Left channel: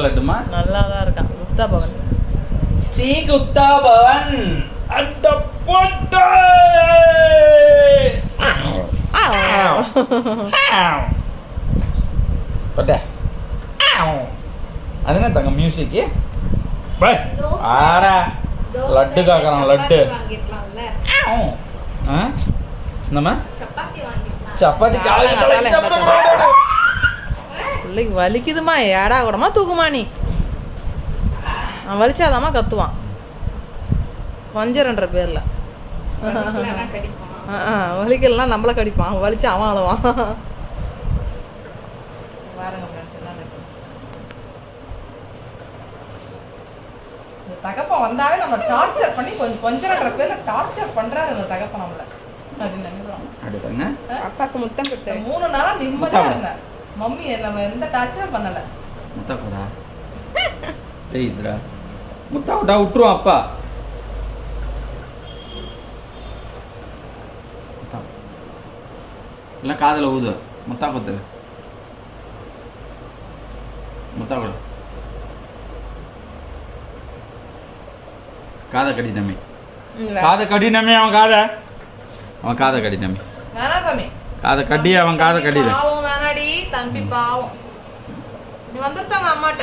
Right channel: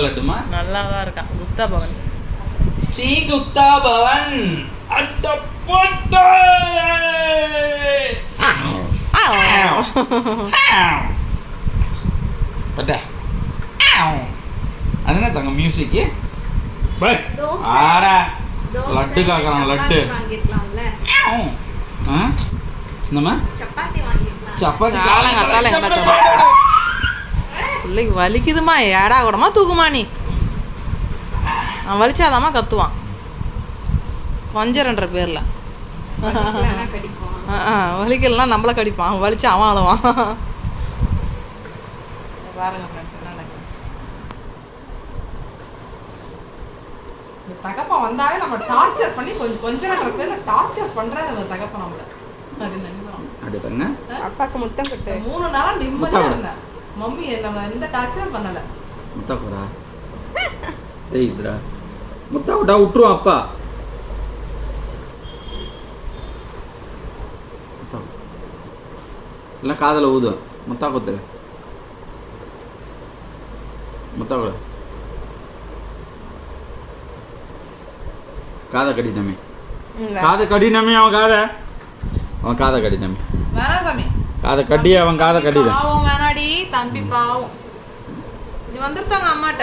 லட்டுமா நல்லா தான் இருக்கான். குப்தா பவன், ஸ்ரீ குப்தா பவன். அட போட்டே பட்டே அதுனா தங்க மியூசிக் ஆடா லட்டு காக்கறான் லட்டு நம்ம சப்பாத்தி பிள்ளைக்கு வலிக்குதுமா, ஏடா கூடமா தூக்குமா நீ. அவன் வலிச்சாதாம்மா கத்துவான் கொஞ்சன்ற பேர்ல. வலிக்கலாம் நம்மள கடிப்பான், அவன் வலிச்சு அவன் அழுவான். தகப்பன் வந்தாவே நம்ம டார்ச்சர் பண்ணி கொஞ்சன்ற பேர்ல டார்ச்சர் பண்றாரு அந்த தகப்பன் நம்மள. அப்பாக்கு முத்தம் கொடுத்து 3 நாளா நிம்மதியா இருந்தேன். மம்மி நம்ம எந்த டார்ச்சரும் பண்ணல. முத்தா கூடா ஏய் இதுடா முத்தா கூடா விட்டுருவோம் அப்பா. எல்லாம் காதல ஊது முத்தா கொத்துரு முத்தா கூட காதை கடினமே காதை கடினமே அவன் காதை கடினமே வேணாம் தம்பி, காதை கடி அவன் காதை கடித பாவம் வேணாடி தம்பி பாவம். நீ வந்துட்டாங்க அம்மாட்ட.